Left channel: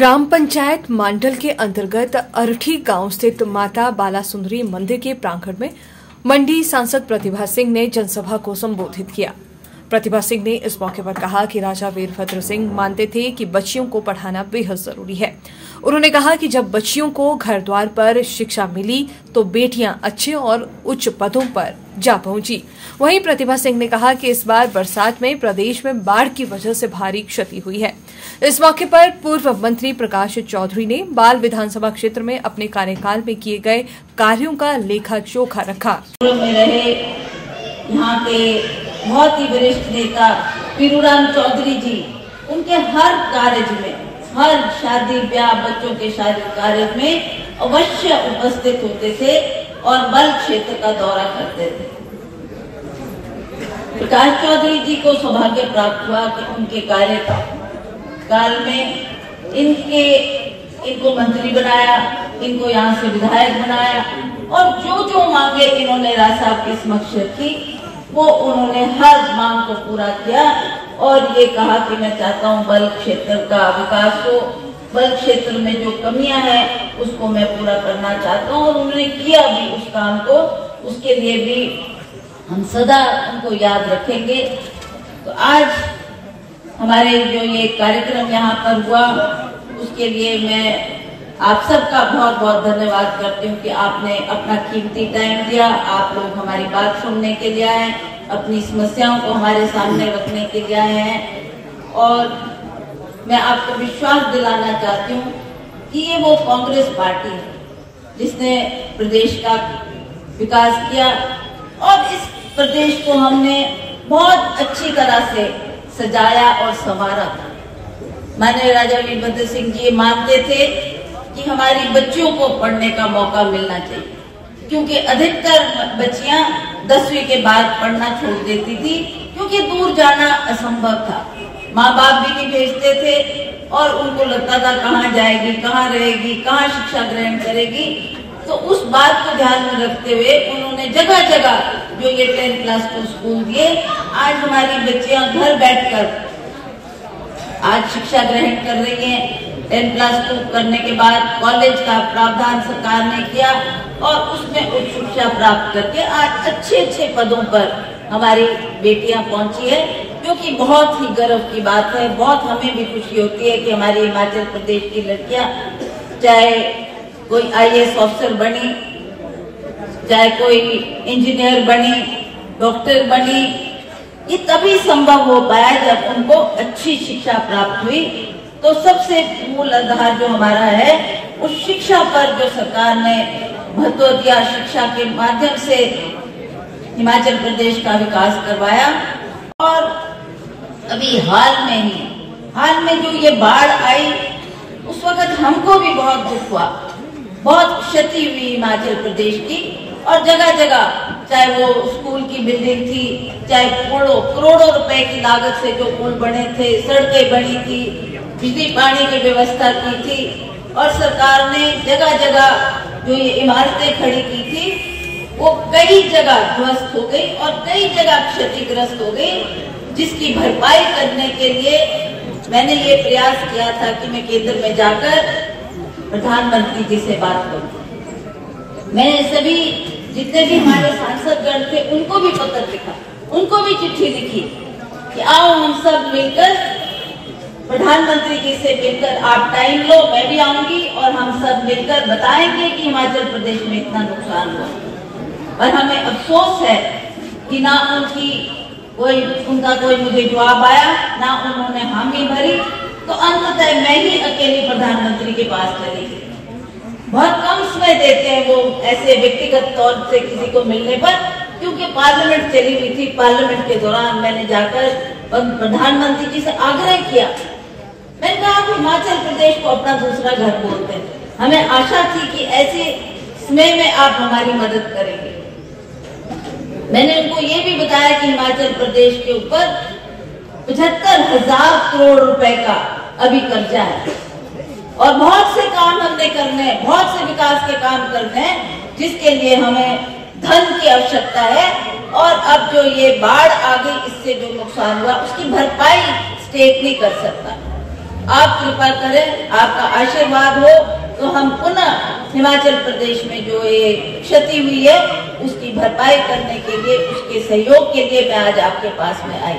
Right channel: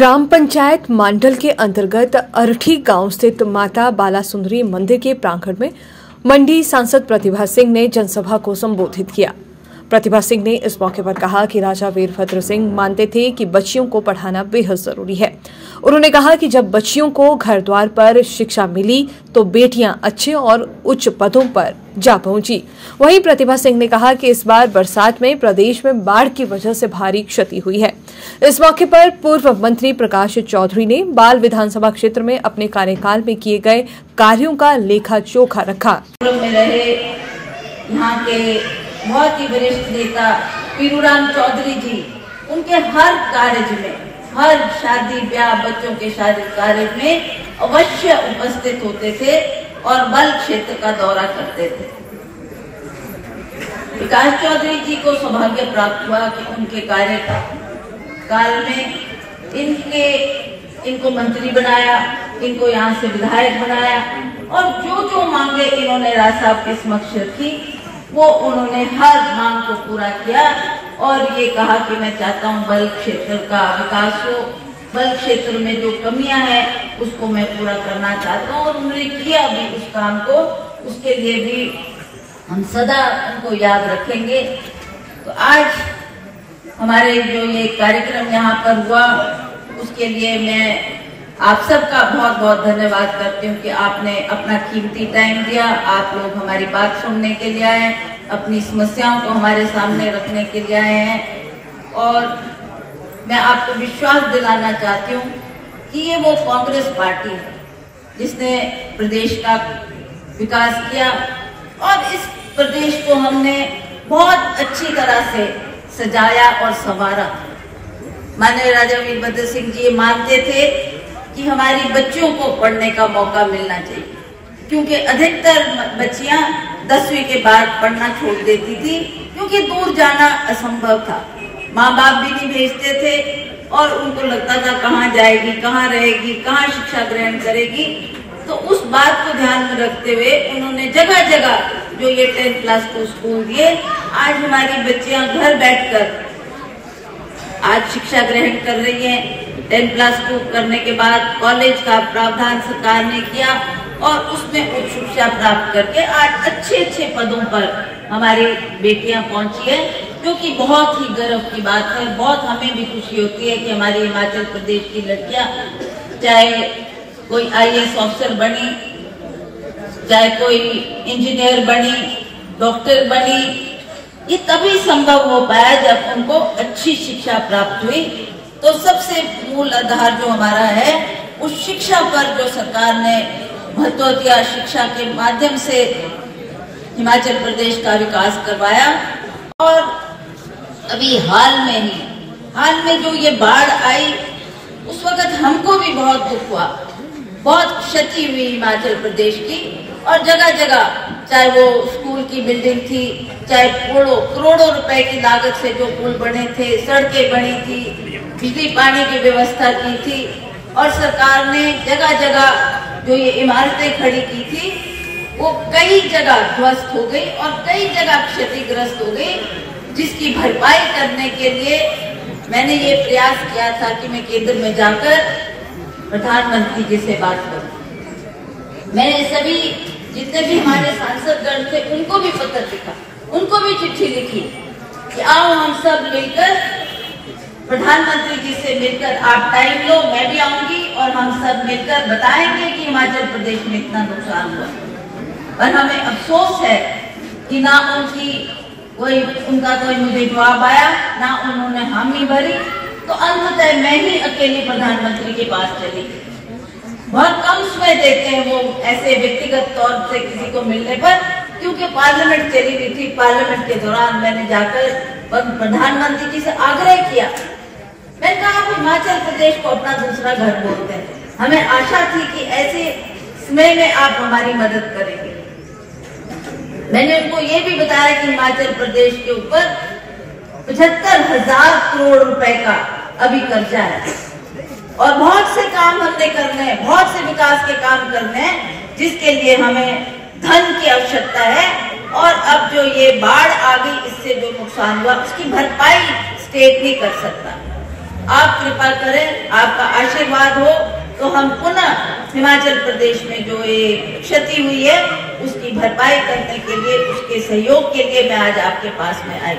ग्राम पंचायत मांडल के अंतर्गत अरठी गांव स्थित माता बालासुंदरी मंदिर के प्रांगण में मंडी सांसद प्रतिभा सिंह ने जनसभा को संबोधित किया। प्रतिभा सिंह ने इस मौके पर कहा कि राजा वीरभद्र सिंह मानते थे कि बच्चियों को पढ़ाना बेहद जरूरी है। उन्होंने कहा कि जब बच्चियों को घर द्वार पर शिक्षा मिली तो बेटियां अच्छे और उच्च पदों पर जा पहुंची। वहीं प्रतिभा सिंह ने कहा कि इस बार बरसात में प्रदेश में बाढ़ की वजह से भारी क्षति हुई है। इस मौके पर पूर्व मंत्री प्रकाश चौधरी ने बाल विधानसभा क्षेत्र में अपने कार्यकाल में किए गए कार्यों का लेखा जोखा रखा। यहाँ के बहुत ही वरिष्ठ नेता पीरूराम चौधरी जी, उनके हर कार्य में, हर शादी ब्याह बच्चों के शादी कार्य में अवश्य उपस्थित होते थे और बल क्षेत्र का दौरा करते थे। प्रकाश चौधरी जी को सौभाग्य प्राप्त हुआ कि उनके कार्यकाल में इनको मंत्री बनाया, इनको यहाँ से विधायक बनाया और जो मांगे इन्होंने राज साहब के समक्ष रखी, वो उन्होंने हर मांग को पूरा किया और ये कहा कि मैं चाहता हूँ बल क्षेत्र का विकास हो, बल क्षेत्र में जो कमियां हैं उसको मैं पूरा करना चाहता हूँ और उन्होंने किया भी उस काम को। उसके लिए भी हम सदा उनको याद रखेंगे। तो आज हमारे जो ये कार्यक्रम यहाँ पर हुआ, उसके लिए मैं आप सबका बहुत बहुत धन्यवाद करती हूँ कि आपने अपना कीमती टाइम दिया। आप लोग हमारी बात सुनने के लिए आए, अपनी समस्याओं को हमारे सामने रखने के लिए आए हैं और मैं आपको विश्वास दिलाना चाहती हूँ कि ये वो कांग्रेस पार्टी है जिसने प्रदेश का विकास किया और इस प्रदेश को हमने बहुत अच्छी तरह से सजाया और संवारा। माननीय राजा वीरभद्र सिंह जी मानते थे कि हमारी बच्चियों को पढ़ने का मौका मिलना चाहिए, क्योंकि अधिकतर बच्चियां 10वीं के बाद पढ़ना छोड़ देती थी क्योंकि दूर जाना असंभव था। माँ बाप भी नहीं भेजते थे और उनको लगता था कहाँ जाएगी, कहाँ रहेगी, कहाँ शिक्षा ग्रहण करेगी। तो उस बात को ध्यान में रखते हुए उन्होंने जगह जगह जो ये 10+2 स्कूल दिए, आज हमारी बच्चियां घर बैठकर आज शिक्षा ग्रहण कर रही हैं। 10+2 करने के बाद कॉलेज का प्रावधान सरकार ने किया और उसमें उच्च शिक्षा प्राप्त करके आज अच्छे पदों पर हमारी बेटियां पहुंची है, जो कि बहुत ही गर्व की बात है। बहुत हमें भी खुशी होती है कि हमारी हिमाचल प्रदेश की लड़कियां, चाहे कोई IAS ऑफिसर बनी, चाहे कोई इंजीनियर बनी, डॉक्टर बनी, ये तभी संभव हो पाया जब उनको अच्छी शिक्षा प्राप्त हुई। तो सबसे मूल आधार जो हमारा है उस शिक्षा पर जो सरकार ने महत्व दिया, शिक्षा के माध्यम से हिमाचल प्रदेश का विकास करवाया। और अभी हाल में जो ये बाढ़ आई, उस वक्त हमको भी बहुत दुख हुआ, बहुत क्षति हुई हिमाचल प्रदेश की और जगह जगह, चाहे वो स्कूल की बिल्डिंग थी, चाहे करोड़ों रुपए की लागत से जो पुल बने थे, सड़कें बनी थी, बिजली पानी की व्यवस्था की थी और सरकार ने जगह जगह जो ये इमारतें खड़ी की थी वो कई जगह ध्वस्त हो गई और कई जगह क्षतिग्रस्त हो गई, जिसकी भरपाई करने के लिए मैंने ये प्रयास किया था कि मैं केंद्र में जाकर प्रधानमंत्री जी से बात करूं। मैंने सभी जितने भी हमारे सांसदगण थे उनको भी पत्र लिखा, उनको भी चिट्ठी लिखी कि आओ हम सब मिलकर प्रधानमंत्री जी से मिलकर आप टाइम लो, मैं भी आऊंगी और हम सब मिलकर बताएंगे कि हिमाचल प्रदेश में इतना नुकसान हुआ। और हमें अफसोस है कि ना उनका कोई मुझे जवाब आया, ना उन्होंने हामी भरी। तो अंततः मैं ही अकेली प्रधानमंत्री के पास चली गई। बहुत कम समय देते हैं वो ऐसे व्यक्तिगत तौर से किसी को मिलने पर, क्योंकि पार्लियामेंट चली हुई थी। पार्लियामेंट के दौरान मैंने जाकर प्रधानमंत्री जी से आग्रह किया, मैंने कहा आप हिमाचल प्रदेश को अपना दूसरा घर बोलते हैं, हमें आशा थी कि ऐसे समय में आप हमारी मदद करेंगे। मैंने उनको ये भी बताया कि हिमाचल प्रदेश के ऊपर 75,000 करोड़ रुपए का अभी कर्जा है और बहुत से काम हमने करने हैं, बहुत से विकास के काम करने हैं, जिसके लिए हमें धन की आवश्यकता है। और अब जो ये बाढ़ आ गई, इससे जो नुकसान हुआ उसकी भरपाई स्टेट नहीं कर सकता। आप कृपा करें, आपका आशीर्वाद हो तो हम पुनः हिमाचल प्रदेश में जो ये क्षति हुई है उसकी भरपाई करने के लिए, उसके सहयोग के लिए मैं आज आपके पास में आई।